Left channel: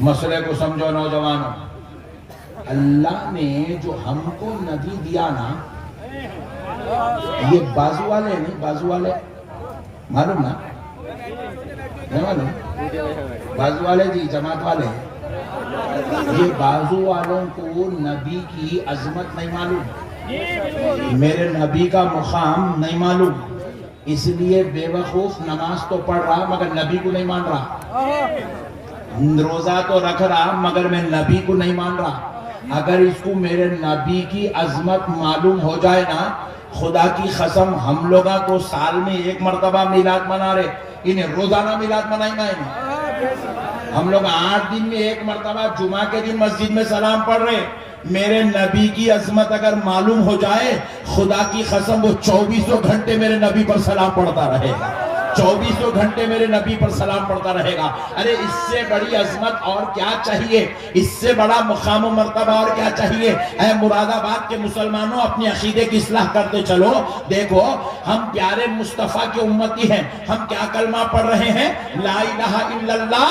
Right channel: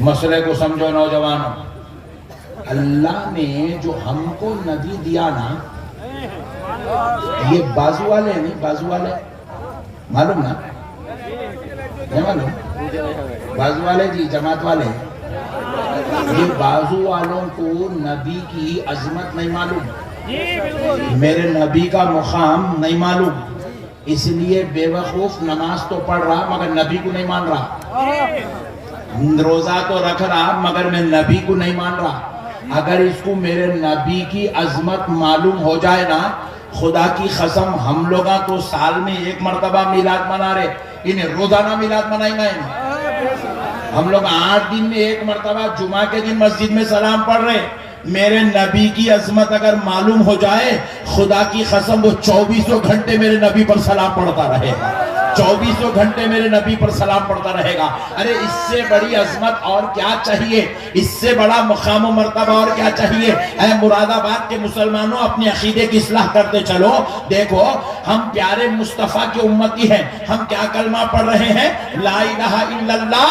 مسئلے کو سمجھو نوجوانوں، اللہ نے جو ہم کو نبی دیا نا، یہ بازو والے ہیں نہیں، بازو والے معلوم نا، نہیں معلوم؟ بازو والے جی، جماعت والے، یہ بازو والوں کو نبی کی عظمت نہیں معلوم، میرے نبی کا مقام نہیں معلوم، اس لیے بے وقوف نماز تو پڑھ رہا مگر نبی کو نہیں مان رہا، روزہ تو رکھ رہا مگر میں نبی کو نہیں مان رہا۔ اگر اس کو میرے نبی کی عظمت معلوم ہو جائے نا، خدا کی قسم ہم لوگا تو سال میں ایک مرتبہ میلاد منا رہے، انہیں روزانہ میلاد منائیں گا انہیں، ہم لوگ 8 دن میں ایک مرتبہ جمعہ کے دن مسجد میں سلام پڑھ رہے۔ میرے نبی کی عظمت اگر معلوم ہو جائے، خدا کی قسم وہ 24 گھنٹے میرے نبی پر سلام پڑھتا رہے گا، 24 گھنٹے میرے نبی پر سلام پڑھتا رہے گا۔ ارے اس سے بڑی عظمت اور کیا چاہیے، اس سے بڑا مقام و مرتبہ اور کیا چاہیے؟ اے مراد آباد کے مسلمانوں، اپنے عقیدے کی اصلاح کرتے چلو۔ دیکھو ہم پیارے مصطفیٰ کے امتی ہیں، ہم کیا کلمہ پڑھ رہے ہیں؟ لا الہ الا اللہ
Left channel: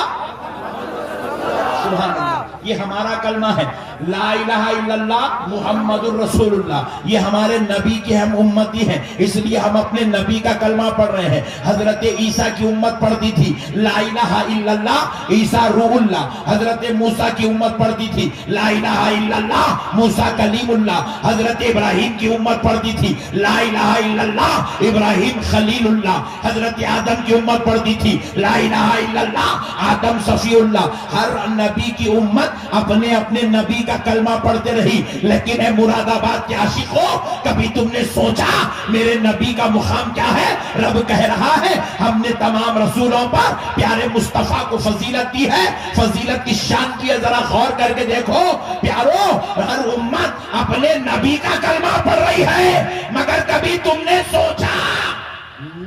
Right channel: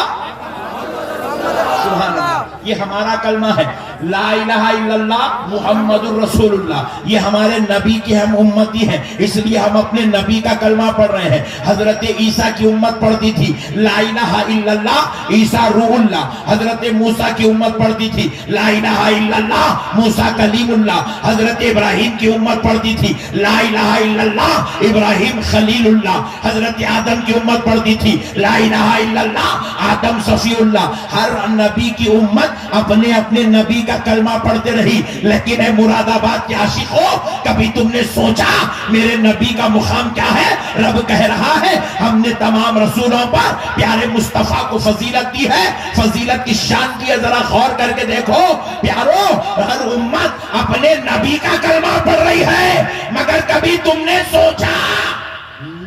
سبحان اللہ، یہ ہمارا کلمہ ہے۔ لا الہ الا اللہ محمد الرسول اللہ، یہ ہمارے نبی کے ہم امتی ہیں، اس لیے ہم اپنے نبی کا کلمہ پڑھ رہے ہیں۔ حضرت عیسیٰ کی امت پڑھتی تھی لا الہ الا اللہ عیسیٰ روح اللہ، حضرت موسیٰ کی امت پڑھتی تھی لا الہ الا اللہ موسیٰ کلیم اللہ، حضرت ابراہیم کی امت پڑھتی تھی لا الہ الا اللہ ابراہیم خلیل اللہ، حضرت آدم کی امت پڑھتی تھی لا الہ الا اللہ آدم صفی اللہ۔ ہر نبی کی امت اپنے اپنے نبی کا کلمہ پڑھتے رہی، لیکن اے مراد آباد کے عاشقوں، کبھی تم نے سوچا میرے نبی کا مقام کیا ہے؟ رب کہہ رہا ہے ہم نے تمام رسولوں پر پیارے مصطفیٰ کو فضیلت دی ہے، فضیلت کی شان دی ہے۔ ذرا غور کر کے دیکھو پیارو، ہر امت اپنے نبی کا کلمہ پڑھ رہی ہے، مگر کبھی تم نے سوچا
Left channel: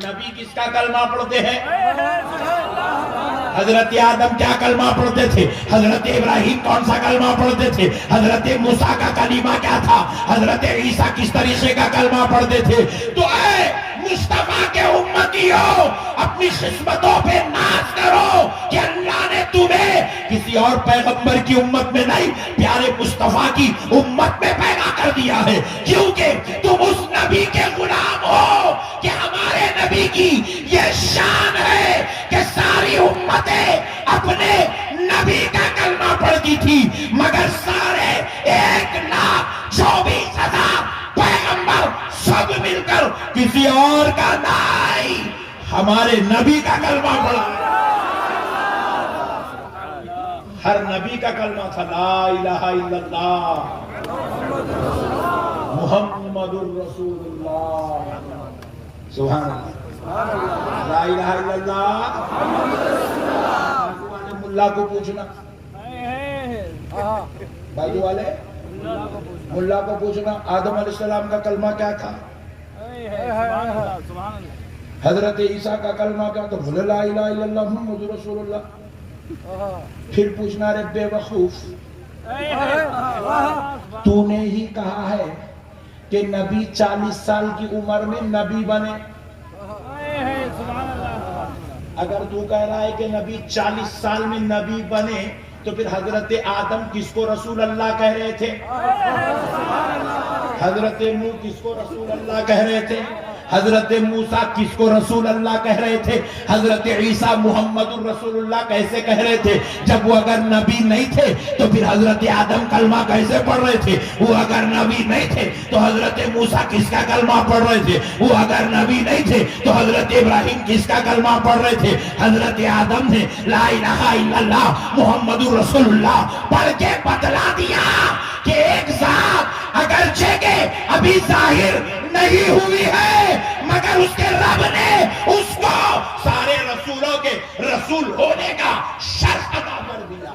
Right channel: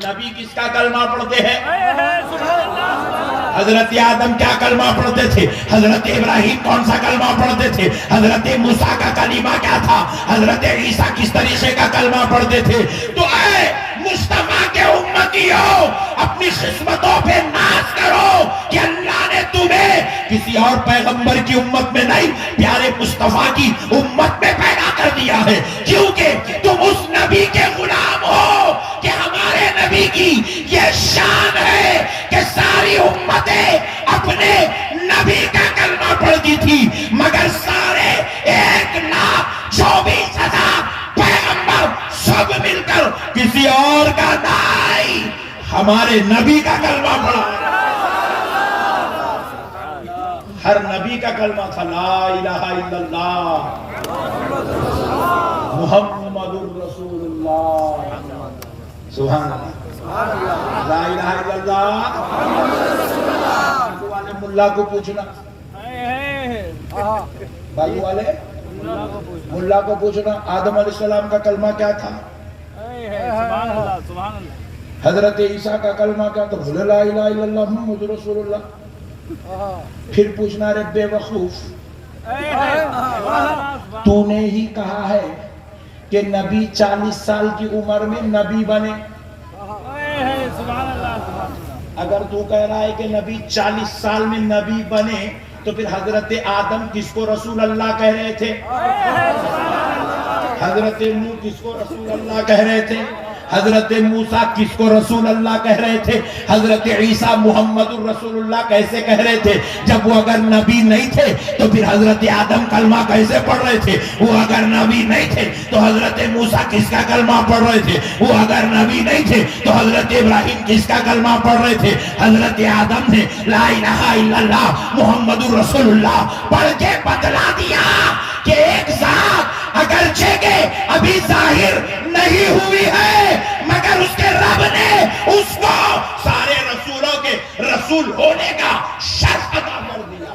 نبی کس کا کلمہ پڑھتے ہیں؟ حضرت آدم کیا کلمہ پڑھتے تھے؟ حضرت ابراہیم کون سا کلمہ پڑھتے تھے؟ حضرت موسیٰ کا کلمہ کیا تھا؟ حضرت عیسیٰ کس طریقے کا کلمہ پڑھتے تھے؟ تو اے مصطفیٰ کے امتیوں، اپنی خدمتوں پہ ناز کرو کہ اللہ نے تمہیں کسی اور پیغمبر کی امت میں نہیں، پیارے مصطفیٰ کی امت میں پیدا کر دیا ہے، کیونکہ تم اس نبی کے غلام ہو کہ ہمارے نبی کی یہ شان ہے کہ ساری امتیں اپنے نبی کا کلمہ پڑھتی تھی، مگر سارے 1,24,000 پیغمبر سب مل کر کسی اور کا نہیں، ہمارے نبی کا کلمہ پڑھا۔ ہر نبی کا کلمہ تھا لا الہ الا اللہ محمد الرسول اللہ سبحان اللہ، لا الہ الا اللہ۔ بازو والے ملا کو پوچھنا، بازو والے ملا کو پوچھنا آدم علیہ السلام کا کلمہ کیا تھا؟ حضرت عیسیٰ کا کلمہ کیا تھا؟ لا الہ الا اللہ محمد رسول اللہ۔ پھر پوچھنا رے بے وقوف، تو نے ہی کہا ہے کہ نبی 40 سال کی عمر میں نبی بنے، اگر تو کہہ رہا ہے کہ نبی 40 سال میں نبی بنے تو پھر حضرت آدم کس کو رسول اللہ کہہ رہے تھے؟ حضرت نوح کس کو رسول اللہ کہہ رہے تھے؟ حضرت موسیٰ کس کو رسول اللہ کہہ رہے تھے؟ حضرت عیسیٰ محمد الرسول اللہ کیسے کہہ رہے تھے؟ جب وہ اگر نبی نہیں تھے تو پھر حضرت آدم کلمہ کیسے پڑھ رہے تھے؟ وہ اگر نبی نہیں تھے تو حضرت موسیٰ کس کا کلمہ پڑھ رہے تھے؟ وہ اگر نبی نہیں تھے تو حضرت ابراہیم کس کا کلمہ پڑھ رہے تھے؟ حضرت آدم نے لا الہ الا اللہ محمد الرسول اللہ پڑھ کے بتلا دیا کہ ایک ذات اگرچہ کہ ابھی ظاہر نہیں ہوئی ہے، مگر اس کے رب نے اس کو سارے رسولوں کے رسول ہونے کا شرف عطا کر دیا۔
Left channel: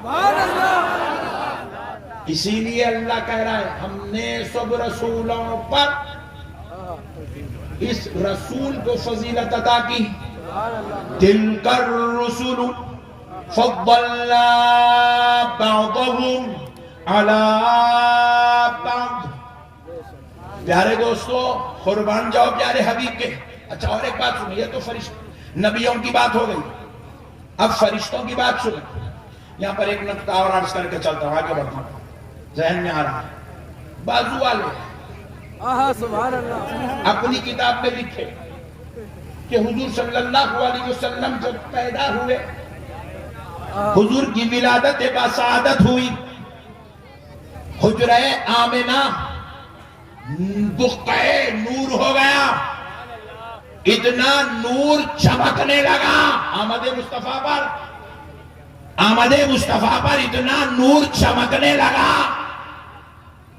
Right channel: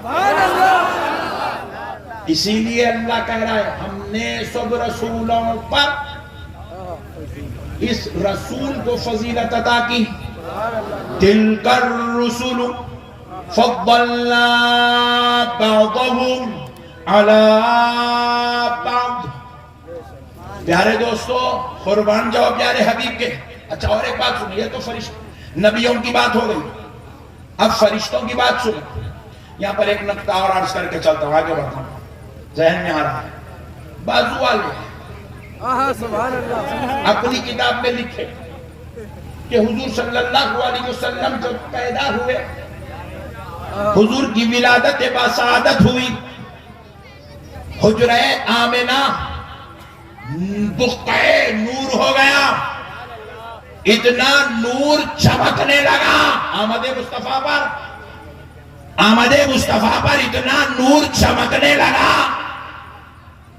اسی لیے اللہ کہہ رہا ہے ہم نے سب رسولوں پر اس رسول کو فضیلت عطا کی۔ تلک الرسل فضلنا بعضهم علی بعض۔ پیارے دوستو قربان جاؤ پیارے حبیب کے۔ اچھا اور ایک بات سنیں، یہ تو فرشتوں نبیوں کی بات ہو گئی، اب فرشتوں کی بات سنیں۔ یہاں پر ایک نقطہ اور عرض کر کے چلتا ہوں، آگے بڑھتا ہوں، ذہن میں آ رہا ہے۔ بازو والے سبحان اللہ، اپنی کتاب میں لکھے کہ حضور صلی اللہ علیہ وسلم جب پیدا ہوئے، حضور کی ولادت بسعادت ہوئی، حجرہ آمنہ بقعہ نور ہو گیا، اتنا نور چمکنے لگا آمد مصطفیٰ پر اتنا نور چمکنے لگا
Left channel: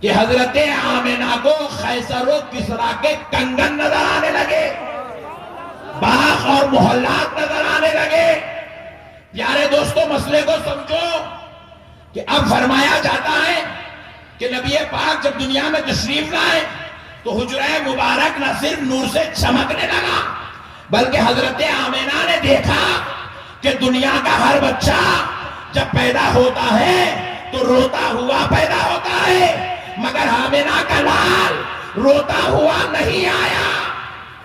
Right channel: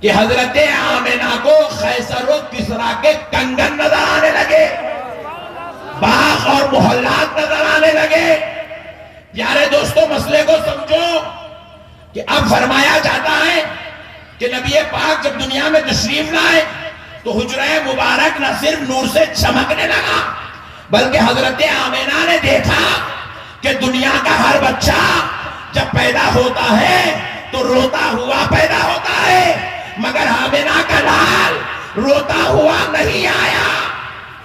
کہ حضرت آمنہ کو قیصر و کسریٰ کے کنگن نظر آنے لگے، باغ اور محلات نظر آنے لگے۔ پیارے دوستو، مسئلے کو سمجھو کہ اب فرمایا جاتا ہے کہ نبی پاک جب دنیا میں تشریف لائے تو حجرہ مبارک نہ صرف نور سے چمکنے لگا، بلکہ حضرت آمنہ نے دیکھا کہ دنیا کا ہر بچہ جب پیدا ہوتا ہے تو روتا ہوا پیدا ہوتا ہے، مگر آمنہ کا لال روتا ہوا نہیں آیا،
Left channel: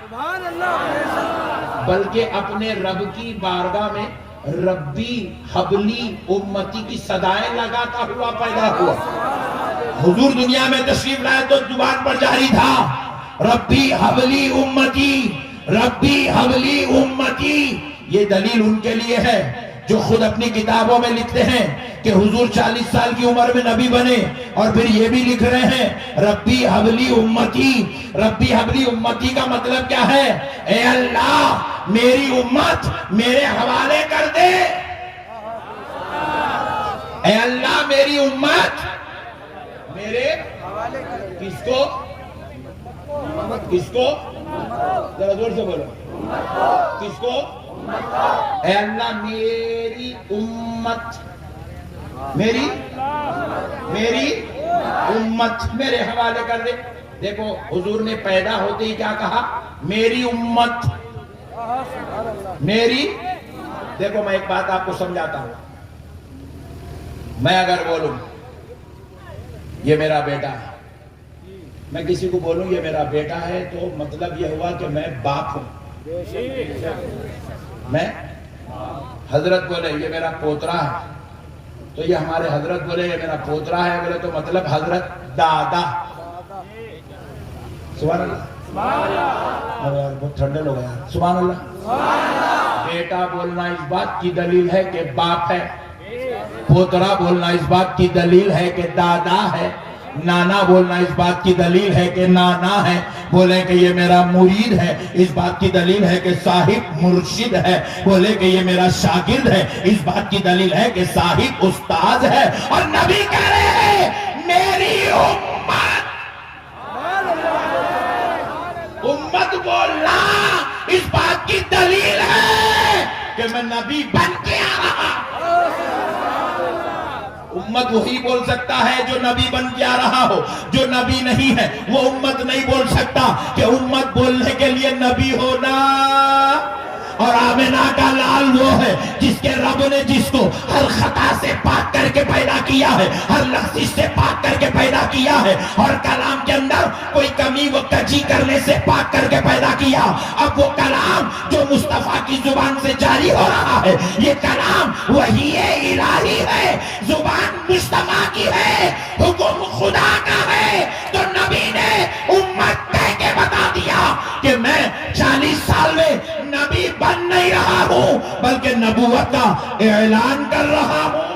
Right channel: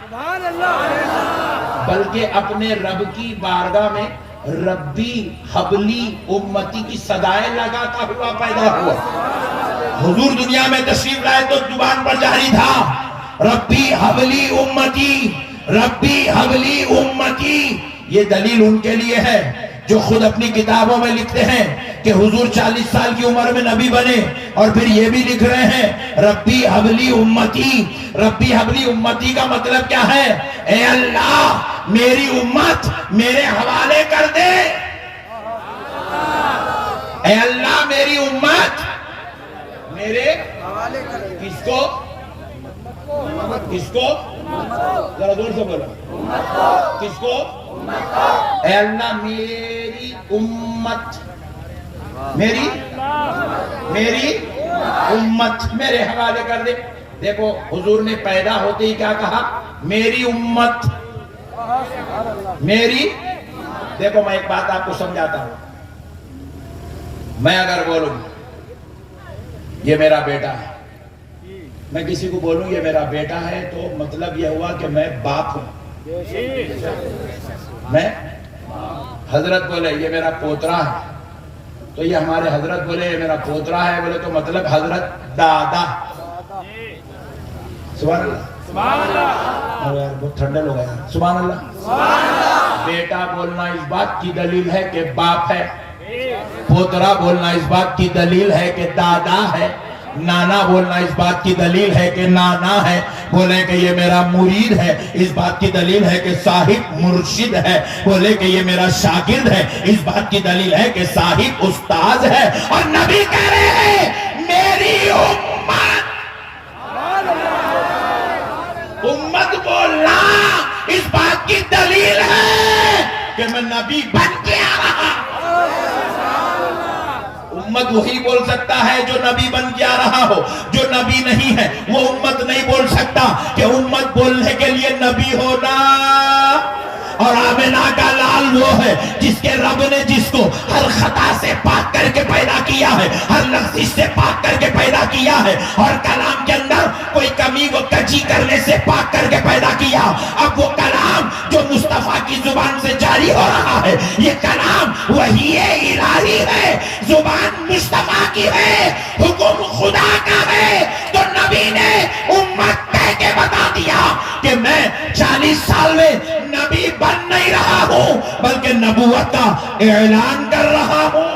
سبحان اللہ، بلکہ اپنے رب کی بارگاہ میں ربی حبلی امتی کی صدائیں لگاتا ہوا پیدا ہوا۔ حضور دنیا میں تشریف لائے تو زبان پر جاری تھا ربی حبلی امتی، ربی حبلی امتی۔ یہ دلیل ان کے لیے ہے جو خود اپنی کتابوں میں لکھتے ہیں کہ حضور 40 سال کی عمر میں نبی بنے، اور پھر یہ بھی لکھ رہے ہیں ربی حبلی امتی۔ ربی حبلی امتی کا مطلب کیا ہے؟ اے اللہ میری امت میرے حوالے کر دے، اے اللہ میری امت میرے کس کو ذرا زور سے بولو، کس کو؟ اے اللہ میری امت، میری امت میرے حوالے کر دے۔ دیکھو حضور نے پیدا ہوتے ہی کیا کہا؟ میری امت، میری۔ دیکھو میں ایک بات آپ کو سمجھاتا ہوں، میں اگر بولوں یہ میرا بیٹا ہے، میں کسی کو بولوں یہ میرا بیٹا ہے تو مطلب یہ ہوا کہ میں باپ ہوں۔ میں حضرت بولے یہ میرا پوترا ہے تو یہ ہمارے حضرت بولے یہ میرا پوترا ہے، بولے تو مطلب حضرت دادا۔ سبحان اللہ، یار بہت ٹھنڈے لوگ ہیں یار، سبحان اللہ۔ بیٹا بولنا اس بات کی دلیل ہے کہ باپ ہے، پوترا بولنا اس بات کی دلیل ہے کہ دادا ہے، نانا بولنا اس بات کی دلیل ہے کہ نانا ہے، بولے کہ یہ میرا مرید ہے اس بات کی دلیل ہے کہ صاحب مرشد ہے، بولے کہ یہ میرا شاگرد ہے اس بات کی دلیل ہے کہ صاحب استاذ ہے۔ اور نبی کہہ رہے ہیں میری امت، امت بولنا اس بات کی دلیل ہے کہ میں نبی بن کے آ رہا۔ امت وہی بول سکتا ہے جو نبی بن کے آ رہا ہو، جو نبی نہیں ہے وہ امت نہیں بول سکتا، کہ امت بولنے کے لیے نبی ہونا۔ اور آمنہ کا لال وہ ہے جس کے رب نے جس کو ہر خطا سے پاک کر کے پیدا کیا ہے، ہر لغزش سے پاک کر کے پیدا کیا ہے، اور کلام کے اندر کوئی کمی و کجی کرنے سے پاک کر کے پیدا کیا۔ اب وہ کلام جو مصطفیٰ کی زبان سے جاری ہو رہا ہے، یہ کلام وحی الہی ہے، زبان مصطفیٰ کی ہے، حکم خدا کا ہے۔ تو نبی نے امت کہہ کے بتا دیا کہ میں 40 سال میں نبی بن نہیں رہا ہوں بلکہ نبوت کا اعلان کر رہا ہوں۔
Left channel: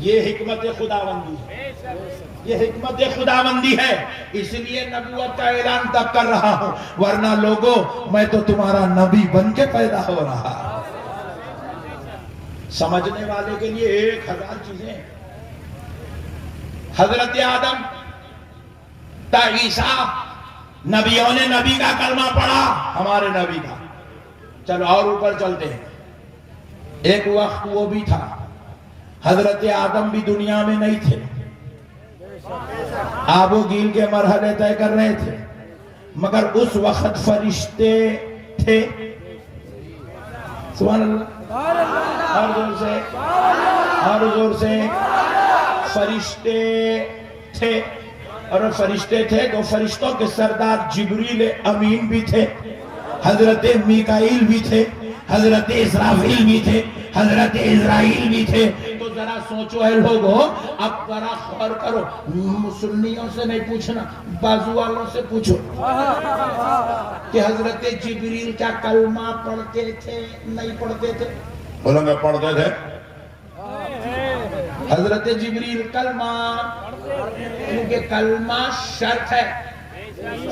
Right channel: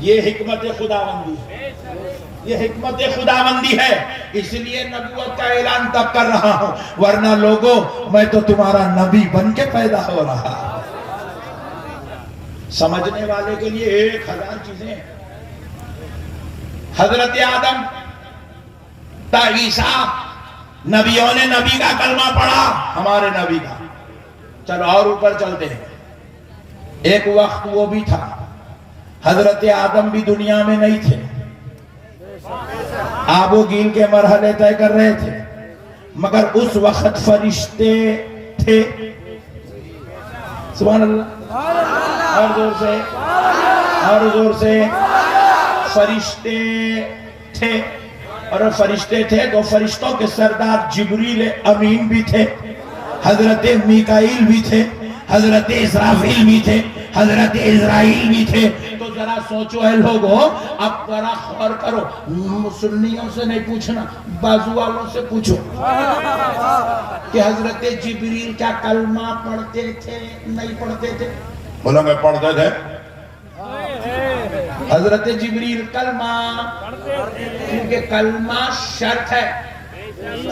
یہ حکمت خداوندی ہے، یہ حکمت خداوندی ہے، اس لیے نبوت کا اعلان تب کر رہا ہوں، ورنہ لوگوں میں تو تمہارا نبی بن کے پیدا ہو رہا۔ سمجھنے والے کے لیے 1000 چیزیں ہیں۔ حضرت آدم تا عیسیٰ، نبیوں نے نبی کا کلمہ پڑھا، ہمارے نبی کا۔ چلو اور اوپر چلتے ہیں۔ ایک وقت وہ بھی تھا حضرت آدم بھی دنیا میں نہیں تھے، آب و گیل کے مرحلے طے کر رہے تھے، مگر اس وقت فرشتے تھے۔ سبحان اللہ، اور زور سے، اور زور سے، فرشتے تھے۔ اور فرشتے تھے تو فرشتوں کے سردار جبریل امین بھی تھے، حضرت میکائیل بھی تھے، حضرت اسرافیل بھی تھے، حضرت اسرائیل بھی تھے. تو ذرا سوچو اے لوگو، اب ذرا غور کرو، سنیوں سے نہیں پوچھنا، بازو والوں سے پوچھو کہ حضرت جبریل کیا کلمہ پڑھتے تھے نہیں پڑھتے تھے؟ بولو گے پڑھتے تھے. حضرت جبریل کلمہ، کیونکہ کلمہ شرط ہے،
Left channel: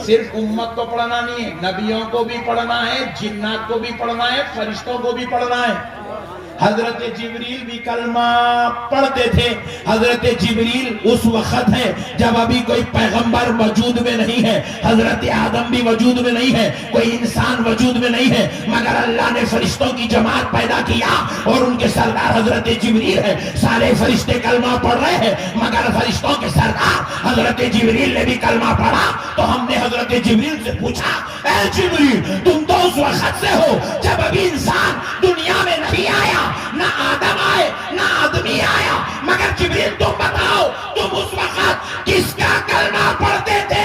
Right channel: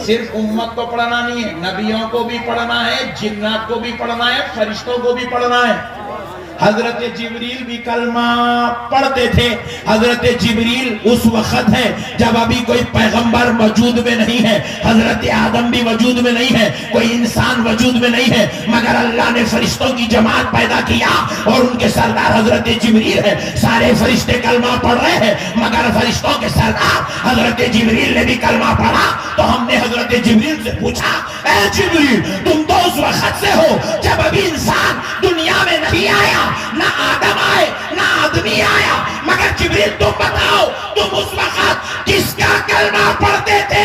صرف امت کو پڑھنا نہیں ہے، نبیوں کو بھی پڑھنا ہے، جنات کو بھی پڑھنا ہے، فرشتوں کو بھی پڑھنا ہے. حضرت جبریل بھی کلمہ پڑھتے تھے. حضرت جبریل اس وقت ہے جب ابھی کوئی پیغمبر وجود میں نہیں ہے، حضرت آدم بھی وجود میں نہیں ہے، کوئی انسان وجود میں نہیں ہے، مگر اللہ نے فرشتوں کی جماعت پیدا کیا اور ان کے سردار حضرت جبریل ہے. سارے فرشتے کلمہ پڑھ رہے ہیں مگر فرشتوں کے سردار حضرت جبریل نے بھی کلمہ پڑھا. تو ہم نے حضرت جبریل سے پوچھا، اے جبریل تم تو اس وقت سے ہو جب ابھی انسان دنیا میں نہیں آیا، نہ آدم آئے نہ آدمی آیا، مگر جبریل تم بتاؤ تم اس وقت کس کا کلمہ پڑھتے تھے؟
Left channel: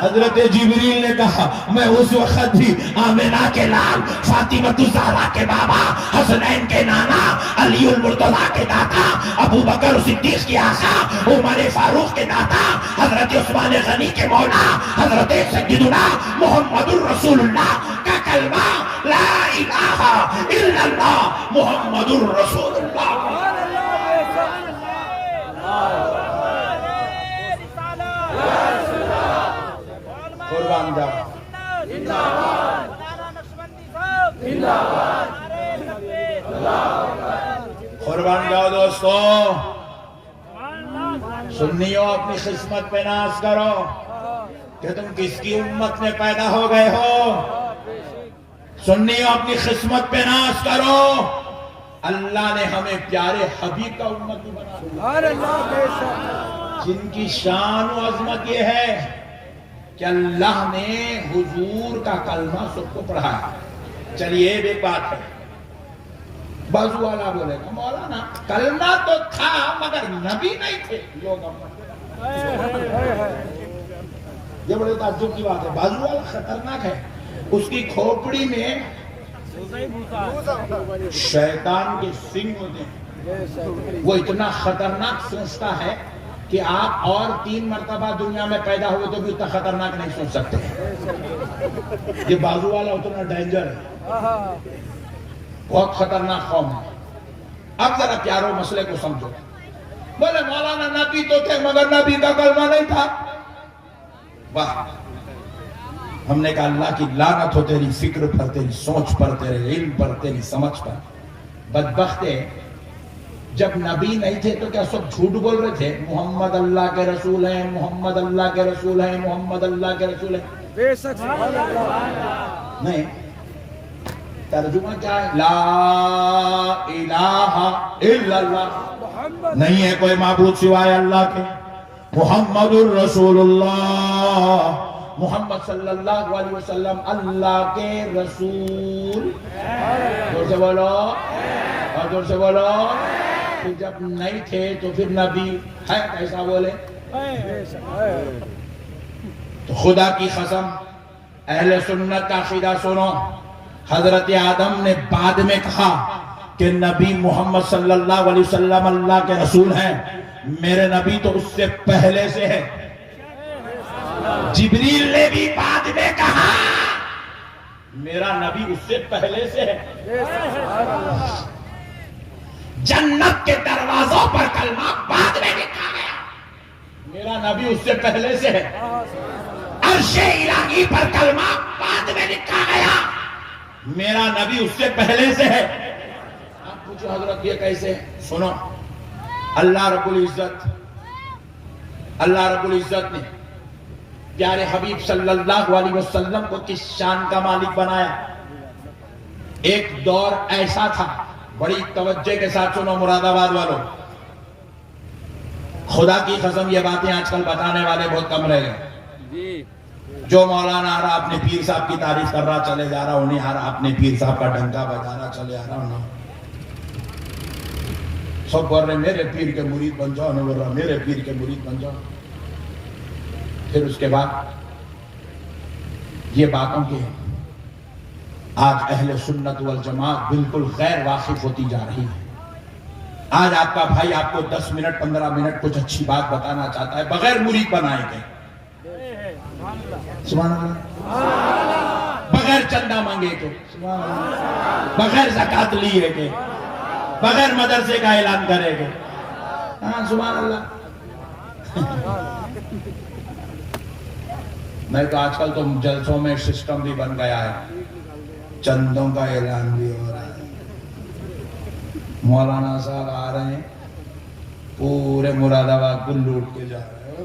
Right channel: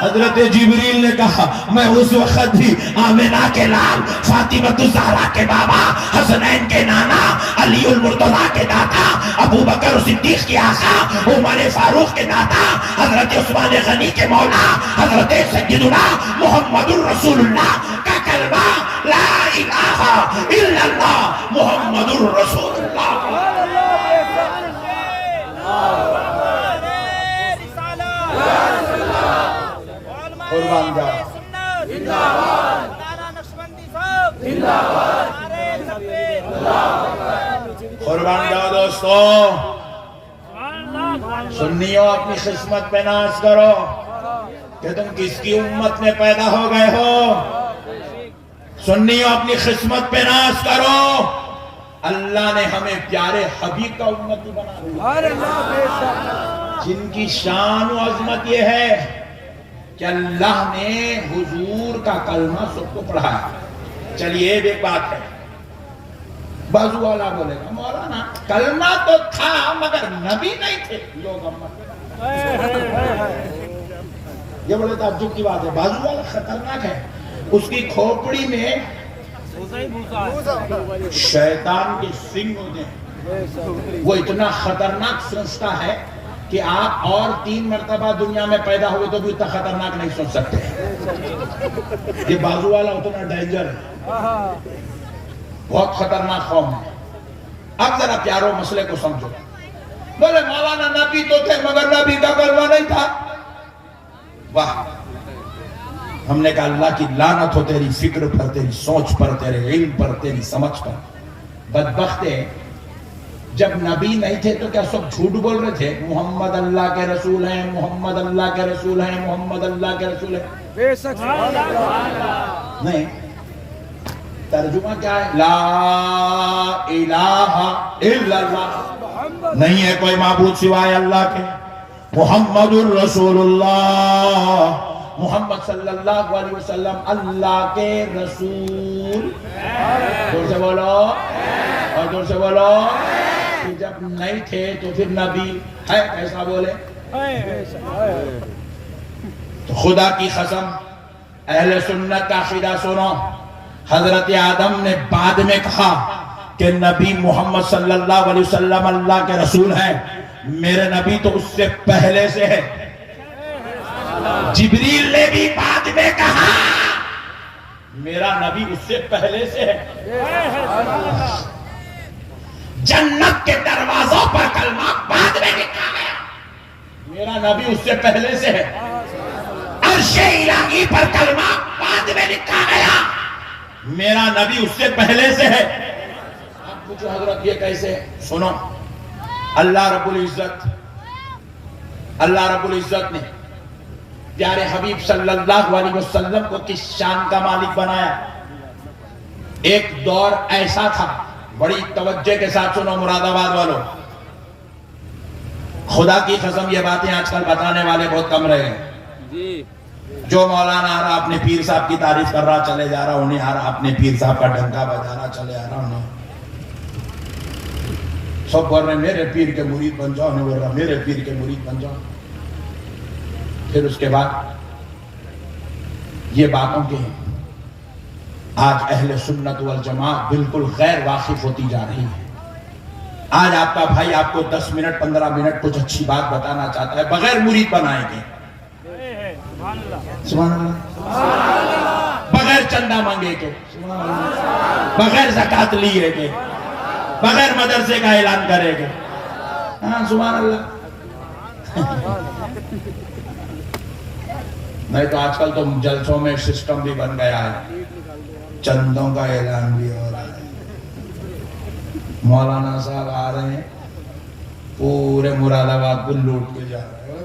حضرت جبریل نے کہا میں اس وقت بھی آمنہ کے لال، فاطمہ الزہرا کے بابا، حسنین کے نانا، علی المرتضیٰ کے دادا، ابو بکر صدیق کے آقا، عمر فاروق کے دادا، حضرت عثمان غنی کے مولا، حضرت سیدنا محمد الرسول اللہ کا کلمہ لا الہ الا اللہ محمد الرسول اللہ. قربان جاؤ، قربان جاؤ دوستو. سنیوں اپنی قسمت پہ ناز کرو کہ تم کس کی امت میں پیدا ہو گئے ہو. سنیوں اپنی قسمت پہ ناز کرو، اللہ نے ہمیں پیارے حبیب کا امتی بنا دیا، جن کی شان و عظمت یہ ہے کہ اللہ نے حضور کا کلمہ سب کو پڑھایا. چلیے ایک بات ہے، بازو والا بولے گا مولانا کلمہ تو تھا مگر نبی نہیں تھے لوگ امت. یہ بڑے تعجب کی بات ہے. بازو والا خطرناک ہے، اس کی کھوپڑی میں شیطان کے سنگ ہوتے ہیں. وہ اتنا خطرناک سوچتا ہے کہ آپ اور 3 مرتبہ دنیا میں پیدا ہوئے تو بھی اتنا خطرناک نہیں سوچ سکتے. یہ بازو والا اتنا ڈینجر ہے، بہت خطرناک قوم ہے. اب ذرا پیارو مسئلے کو سمجھو. بولے مولانا نبی تو تھے مگر نبی کا کلمہ نہیں تھا. واہ، ہم نے کہا اللہ کی لعنت ہو تیری فکر پر، تیری سوچ پر، تیرے علم پر، تیری سمجھ پر. بدبخت ہے، جب نبی نہیں تھے تو کیا سب جھوٹ بول رہے تھے؟ محمد اللہ کے رسول ہیں، محمد اللہ کے رسول ہیں، محمد اللہ کے رسول ہیں. بے شک نہیں، ترجمہ کیا ہے؟ لا الہ الا اللہ، نہیں ہے کوئی معبود سوائے اللہ کے. محمد الرسول اللہ، محمد صلی اللہ علیہ وسلم اللہ کے رسول. زور سے بولو اور زور سے بولو. کہ جب نہیں تھے تو پھر نبی ہے ایسا بولے. تو خدا کی قسم اہل سنت کا عقیدہ سنو. حضرت آدم نے بعد میں کہا کہ نبی محمد صلی اللہ علیہ وسلم اللہ کے رسول ہیں، میرے نبی تو اس سے پہلے سے ہے. جبریل نے بھی بعد میں کہا میرا نبی اس سے پہلے سے ہے. جنت کے دروازوں پر کلمہ بعد میں لکھا گیا، میرا نبی اس سے پہلے سے ہے. عرش الہی پر کلمہ بعد میں لکھا گیا، میرا نبی اس سے پہلے سے ہے. آپ پوچھو حضرت یہ کیسے؟ سنو، اللہ رب العزت نے پیارے حبیب صلی اللہ علیہ وسلم کو کس شان کا مالک بنایا. ایک دور ایسا تھا، بڑی توجہ کے ساتھ سنو مراد آباد والوں، خدا کی قسم یہ باتیں آج کل بتانے والے بہت کم رہ گئے. جو مولانا آ رہا اپنے پیر صاحب کی تعریف کر رہا چلے جا رہا، انہیں آ رہا اپنے پیر صاحب کا ڈنکا بجا رہا چلے آ رہا. انہیں سب بول رہے میرے پیر کے مرید بن جاؤ، انہیں بول رہا میرے پیر کے مرید بن جاؤ. پھر اس کے بعد یہ باتوں کے آج اہل سنت والجماعت بالکل غیر واقف ہوتی جا رہی ہے. آج آپ کا بھائی آپ کو 10 منٹ 15 منٹ کچھ اچھی بات بتانا چاہتا ہے بغیر مرید بنائے گے. سبحان اللہ. بغیر چندہ مانگے کے, بغیر زکات لیے کے, بغیر مدرسے کا اعلان کرے گے. ہاں سبحان اللہ. نہیں تو آج کل تو جلسوں میں سسٹم بھی بن گیا ہے, چندوں کا اعلان بھی ہو رہا ہے. مولانا صاحب آ رہے ہیں, پورے مراد آباد کو لوٹ کے جا رہے ہیں.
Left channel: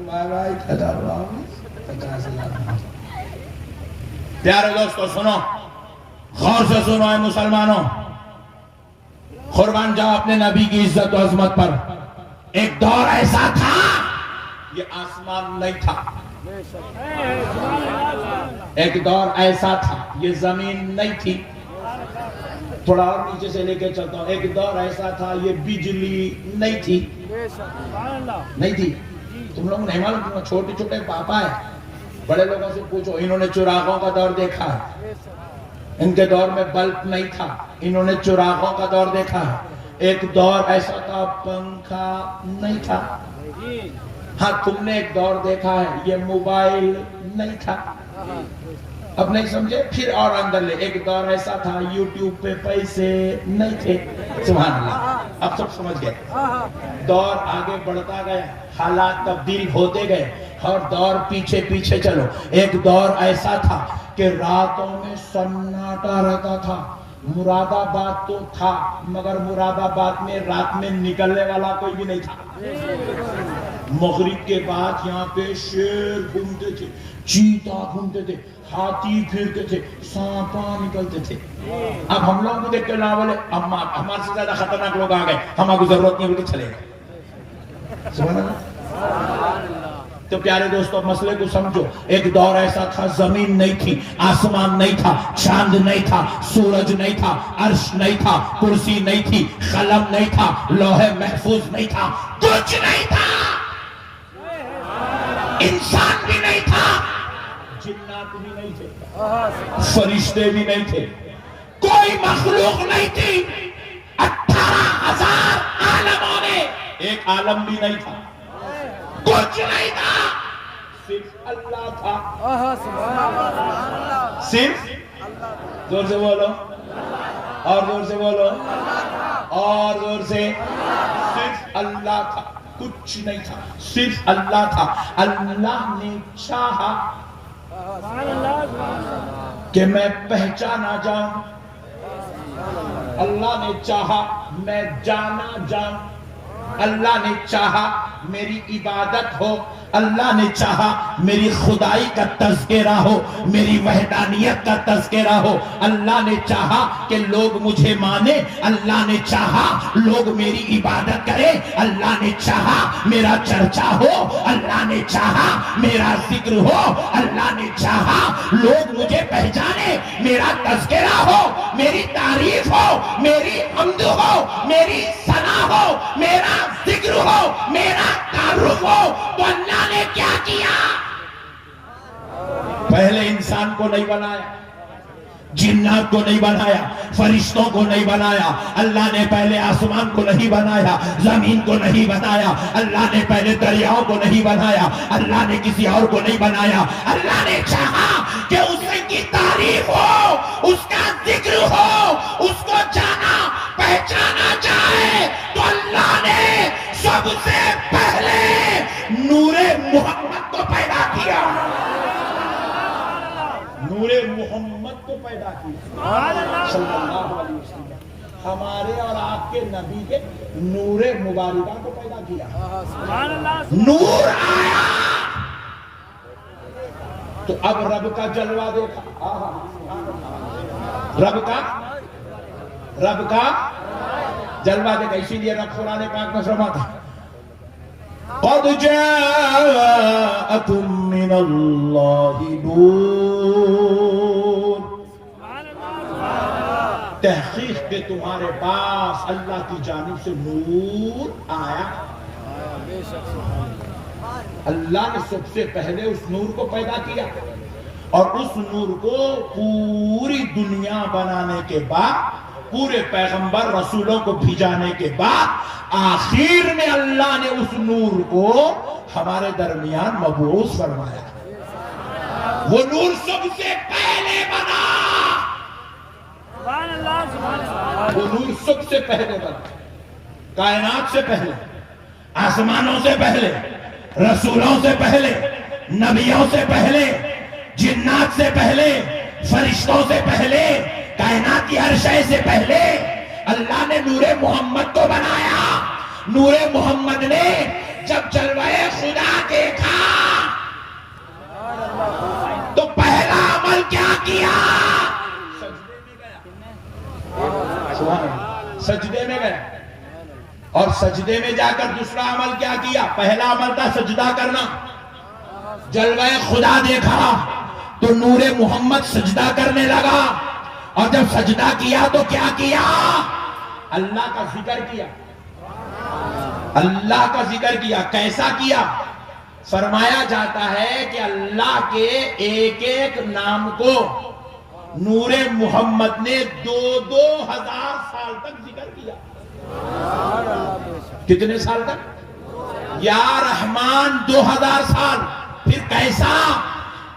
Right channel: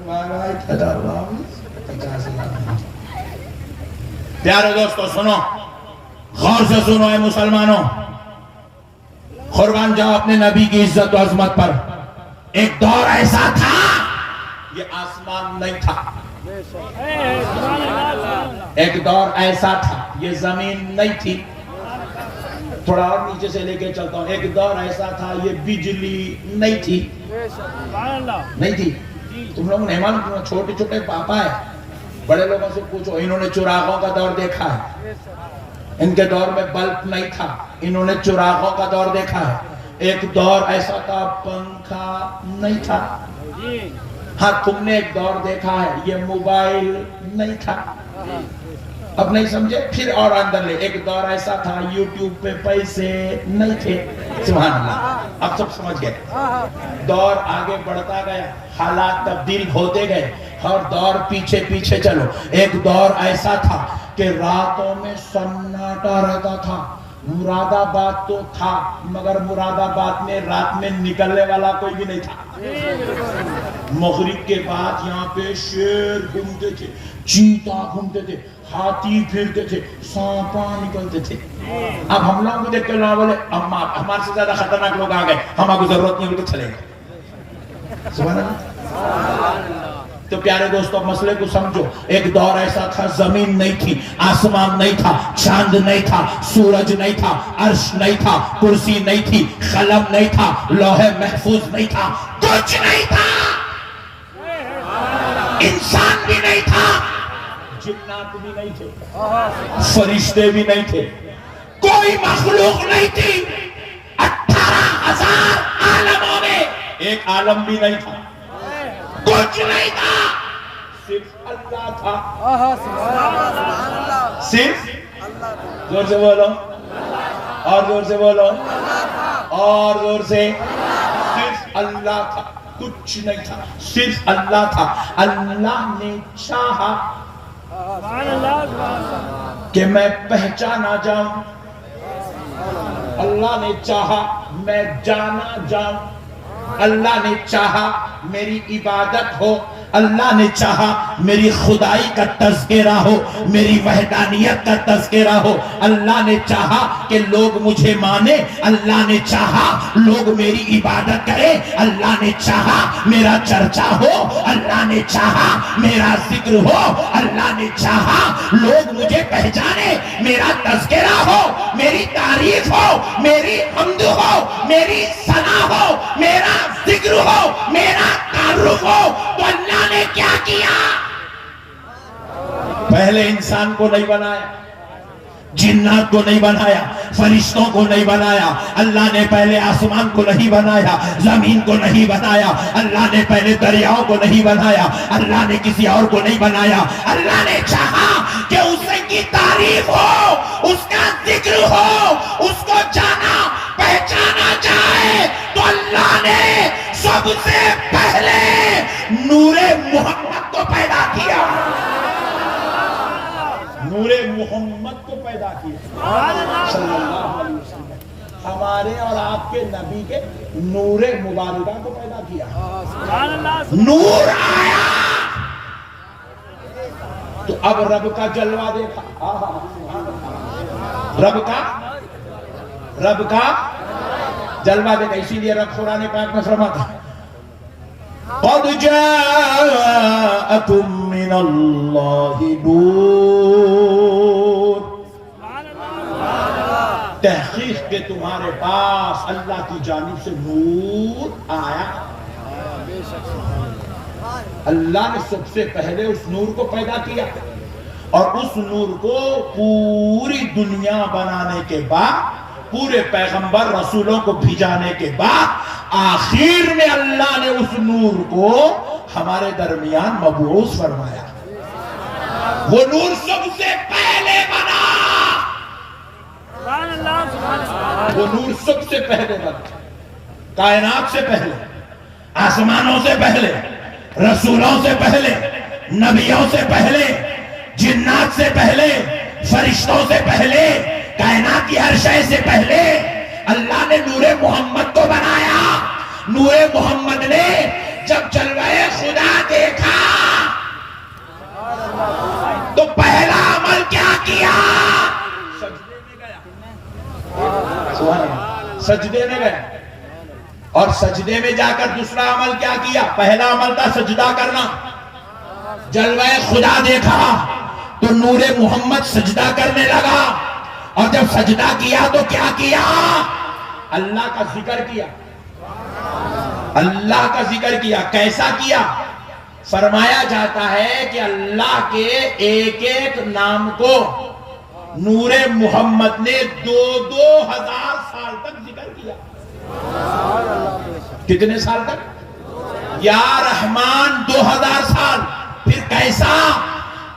50 لاکھ. پیارے دوستو سنو, غور سے سنو اے مسلمانوں, قربان جاؤ اپنے نبی کی عزت و عظمت پر. ایک دور ایسا تھا, یہ آسمان نہیں تھا. ایک دور ایسا تھا, یہ زمین نہیں تھی. تھوڑا اور نیچے سے لے کے چلتا ہوں. ایک دور ایسا تھا, یہ بجلی نہیں تھی. نہیں تھی. تم لوگوں نے معلوم, چھوٹے چھوٹے پاپا ہے, بڑے لوگوں سے پوچھو, انہوں نے چراغوں کا دور دیکھا ہے. ان کے دور میں بلب نہیں تھا, انہوں نے چراغوں کا دور دیکھا ہے. ایک دور ایسا تھا پنکھا نہیں تھا. ہاں تم نے ایک دور دیکھا ہے, یہ موبائل نہیں تھا. اب نہیں سمجھے, پھر اور اندر لے. ایک دور ایسا تھا یوٹیوب پہ پیسے نہیں تھے. سبحان اللہ. اب سب سمجھ گئے. دور آگے بڑھتا گیا, حالات تبدیل ہوتے گئے, اور دور پیچھے پیچھے چلو. ایک دور ایسا تھا کہ راتوں میں سناٹا رہتا تھا. مراد آباد تو تھا, مگر مراد آباد میں رات میں نکلنے والا کوئی بھی نہیں تھا. مغرب کے بعد یہاں پہ شیر گھومتے تھے, چیتا گھومتے تھے, ہاتھی پھرتے تھے, سانپا نکلتے تھے. اب ہم لوگوں کو دیکھ کے لوگ بولے ہمارے سے زیادہ خطرناک لوگ آ گئے, ہمارے کو ضرورت نہیں, بول کے چلے گئے. سبحان اللہ. تو پیارے دوستو مسئلے کو سمجھو. ایک دور ایسا تھا, زمین نہیں تھی, آسمان نہیں تھا, چاند نہیں تھا, سورج نہیں تھا, عرش نہیں تھا, کرسی نہیں تھی, قلم نہیں تھا, لوح محفوظ نہیں تھا, کچھ نہیں تھا. انسان بھی نہیں تھا, جنات بھی نہیں تھے, فرشتے بھی نہیں تھے, کوئی مخلوق نہیں تھی. 18,000 عالموں میں ایک عالم بھی نہیں تھا, کچھ نہیں تھا, صرف اللہ تھا. صرف زور سے بولو, اور زور سے بولو, اور زور سے. صرف اللہ تھا, کچھ نہیں تھا, صرف اللہ تھا. اللہ نے چاہا کہ میں پہچانا جاؤں, اللہ نے چاہا میں جانا جاؤں, اللہ نے چاہا میری عبادت ہو, اللہ نے چاہا میری خدائی کا تذکرہ ہو, میری وحدانیت کا تذکرہ ہو. اللہ نے چاہا کہ لوگ مجھے مانے, اللہ نے چاہا لوگ میری عبادت کریں, اللہ نے چاہا میرا چرچا ہو, اللہ نے چاہا میرا ذکر ہو, اللہ نے چاہا لوگ مجھے پہچانے, میرا تذکرہ ہو, میری تعریف ہو, میری حمد ہو, میری ثنا ہو, میرا ذکر ہو, میرا تعارف ہو. تو اللہ نے کیا کیا؟ پہلے انسان کو نہیں بنایا, جنات کو نہیں بنایا, فرشتوں کو نہیں بنایا. اللہ نے پہلے آسمان کو نہیں بنایا, زمین کو نہیں بنایا. اللہ نے پہلے دریاؤں کو نہیں بنایا, اللہ نے کسی اور کو نہیں بنایا. اللہ نے چاہا کہ اس کی تعریف ہو, اس کا ذکر ہو, اس کو جانا پہچانا جائے. تو اللہ نے سب سے پہلے نور محمد کو پیدا کیا, نور محمد کو پیدا کیا صلی اللہ علیہ وسلم. ہمارے اور آپ کے نبی کے نور مبارکہ کو پیدا کیا. نور آیا تو اب رب کا جلوہ دیکھا, رب کا جلوہ دیکھا. اسی لیے رب قرآن پاک میں فرماتا قد جاءکم من اللہ نور, تحقیق کہ تمہارے پاس اللہ کی جانب سے نور آیا. اللہ نے سب سے پہلے اس نور کو پیدا کیا. اور اس نور کو پوری دنیا بنانے کے بعد، پورے پیغمبر رسولوں کو بھیجانے کے بعد، آخر میں اللہ نے اس نور کو ہمارے درمیان مبعوث فرمایا۔ وہ نور سب سے پہلے بنا، سبحان اللہ سبحان اللہ۔ وہ نور سب سے پہلے بنا، کائنات سے پہلے، آسمانوں سے پہلے، رسولوں سے پہلے، نبیوں سے پہلے، جنات سے پہلے، فرشتوں سے پہلے، کائنات کی ہر شے سے پہلے اللہ نے نور محمد کو بنایا۔ نور محمد نے جب جلوہ خدا دیکھا تو پہلا عمل کیا کیا؟ سجدے میں گیا، سجدے میں گیا، اور سجدے میں جا کر دوسرا عمل کیا کیا؟ پہلا عمل تھا سجدہ کرنا۔ جلوہ خدا دیکھا تو نور محمد سجدہ کرنے لگا، اور جب سجدہ کیا تو کیا کیا؟ اللہ کا ذکر کیا، اللہ کا ذکر کیا۔ کیسا کیا؟ فرمایا جاتا ہے کہ اللہ کے ایک ایک نام کو نور محمد نے 2000 سال تک ذکر کیا۔ کتنے سال تک؟ یا رحمان 2000 سال۔ پھر کیسا؟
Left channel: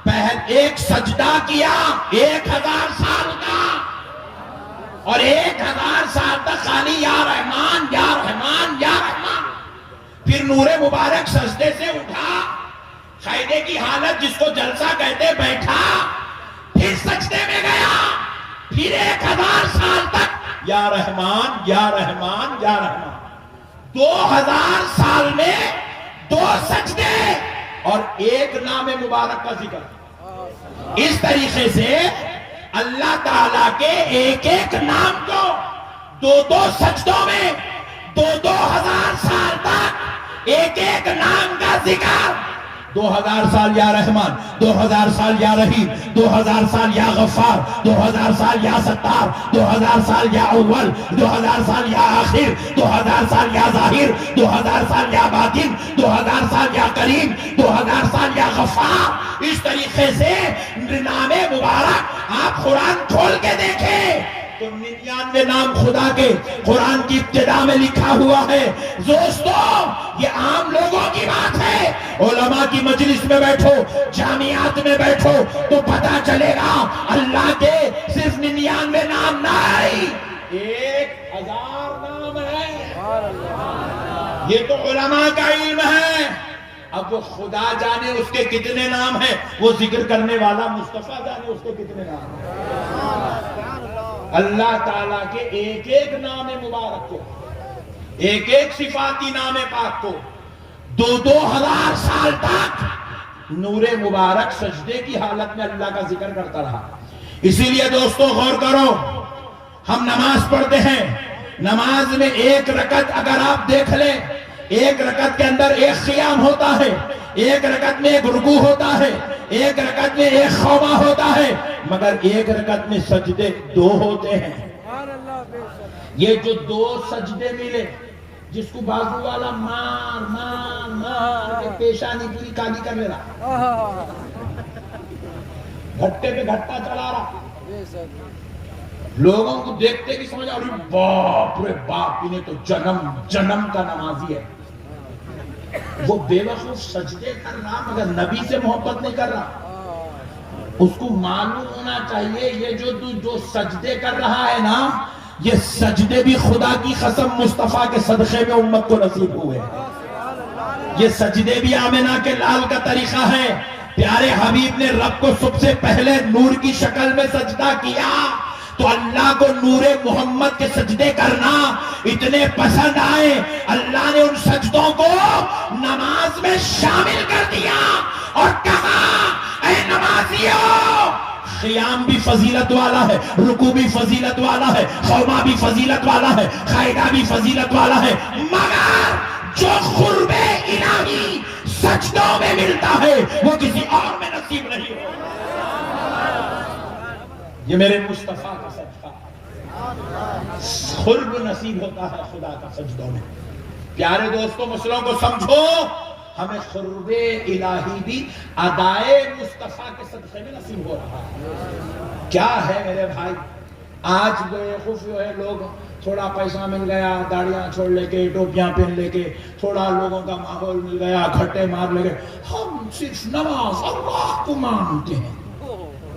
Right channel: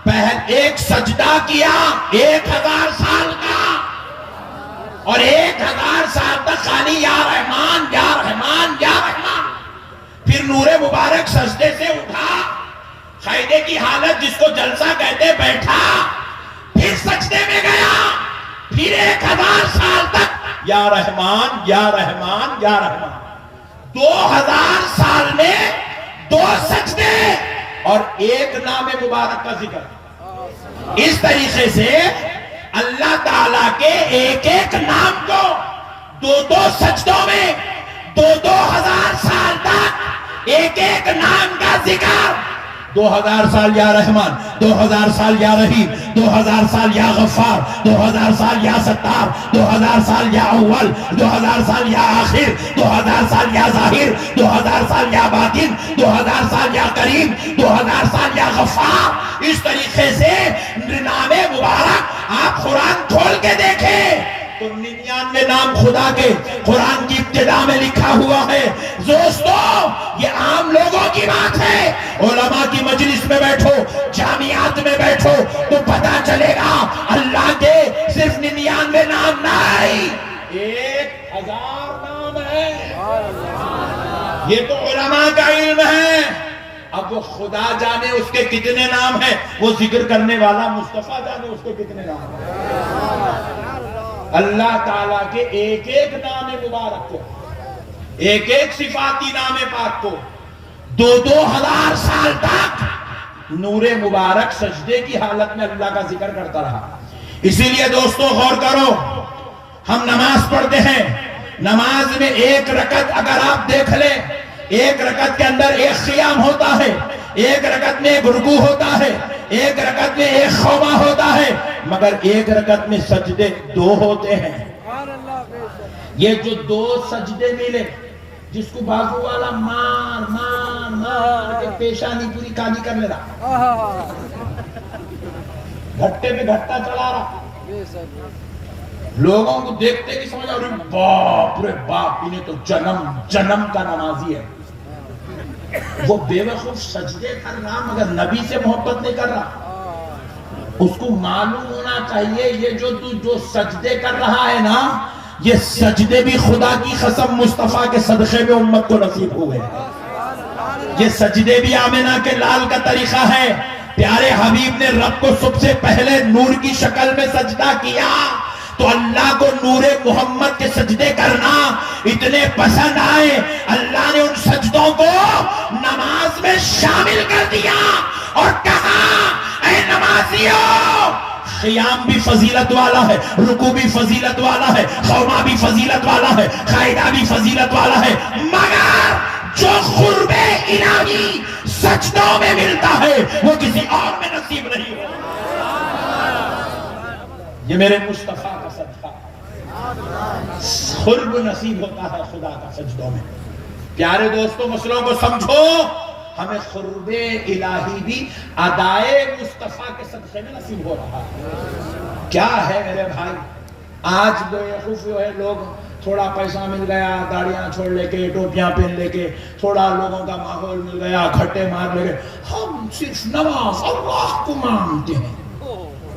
پہل ایک سجدہ کیا 1000 سال کا، اور 1000 سال تک خالی یا رحمان یا رحمان یا رحمان۔ پھر نور مبارک سجدے سے اٹھا، قاعدے کی حالت جس کو جلسہ کہتے، بیٹھا، پھر سجدے میں گیا، پھر 1000 سال تک یا رحمان یا رحمان یا رحمان۔ 2000 سال میں 2 سجدے اور 1 نام مبارک کا ذکر۔ اس طریقے سے اللہ تعالیٰ کے ایک ایک نام کو 2 سجدوں میں 2000 سال تک ایک ایک نام کا ذکر۔ 2000 سال یا رحمان، 2000 سال یا رحیم، 2000 سال یا غفار، 2000 سال یا ستار، 2000 سال یا اول، 2000 سال یا آخر، 2000 سال یا ظاہر، 2000 سال یا باطن، 2000 سال یا کریم، 2000 سال یا غفار۔ اس طریقے سے نام مبارک آپ قرآن کھول کے دیکھیں تو 99 نام خدا کے قرآن کی ابتدا میں لکھا ہوا ہے۔ دوستو، یہ عام لوگوں کی بات ہے۔ علماء کی مجلس میں بیٹھو، جامعات میں بیٹھو تو پتا چلے گا اللہ کے صرف 99 نام نہیں، 1000 نام ہے۔ یہ تو علماء کا علم ہے۔ اب وہ خدا جانے اس کے کتنے نام ہیں، وہ ذکر کرنے والا مصطفیٰ جانے اس کے کتنے نام ہیں۔ اللہ تعالیٰ کے ایک ایک نام مبارک کو، ایک ایک صفاتی نام پاک کو 2000 سال تک نور مبارک سجدے کی حالت میں اللہ کا ذکر کرتا رہا۔ اسی لیے دوستو غور کرو، ہم نماز پڑھتے ہیں، نماز میں 1 رکعت اگر آپ دیکھ لیں، 1 رکعت کے اندر 1 قیام ہوتا ہے، 1 رکعت میں 1 رکوع ہوتا ہے، 1 رکعت میں 1 خوما ہوتا ہے، مگر 1 رکعت میں سجدے 2 ہوتے ہیں۔ یہ جو 2 سجدے ملے، جس کو بازو والا مار مار مار کے پیشانی پوری کالی کر لے رہا، گھٹے پہ گھٹا چلا رہا، لوگوں کو دیکھتے کہ سمجھا باپ رے باپ، انہیں تو جنم کا نمازی ہے۔ وہ بے وقوف سجدے کر رہا مگر نبی سے محبت نہیں کر رہا۔ اس کو معلوم ہونا چاہیے یہ جو سجدے کر رہا ہے نا، یہ سجدے بھی خدا کی قسم مصطفیٰ کے صدقے میں امت کو نصیب ہوئے۔ یہ سجدے بھی آمنہ کے لال کا طریقہ ہے۔ پیارے حبیب نے رب کو سب سے پہلے نور کی شکل میں سجدہ کیا تو اللہ کو نور محمد کے سجدے کرنا اتنے پسند آئے، اللہ نے ان سجدوں کو نماز میں شامل کر دیا اور کہا، اے نمازیوں، قیام بھی فضیلت والا ہے، رکوع بھی فضیلت والا ہے، خوما بھی فضیلت والا ہے، قائدہ بھی فضیلت والا ہے، مگر جو قرب الہی سجدوں میں ملتا ہے وہ کسی اور میں نصیب نہیں ہو۔ یہ میرے مصطفیٰ کا صدقہ، قرب نصیب ہوتا ہے خدا کا سجدوں میں۔ پیارے دوستوں، مسئلوں کو سمجھو، ہمیں قرب الہی بھی ادائے مصطفیٰ کے صدقے میں نصیب ہو رہا ہے. کیا ہے میرے بھائی، آج بیوقوف جو ہے لوگ تھوڑا پیسہ مل گیا داڑیاں چھوڑ لے کے ٹوپیاں پہن لے کے، تھوڑا لوگوں کا ماحول مل گیا کھٹے مار لے کے ہم صرف نماز اللہ کو مانتے ہیں.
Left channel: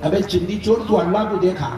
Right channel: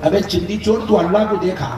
ابے چندی چور تو اللہ کو دیکھا.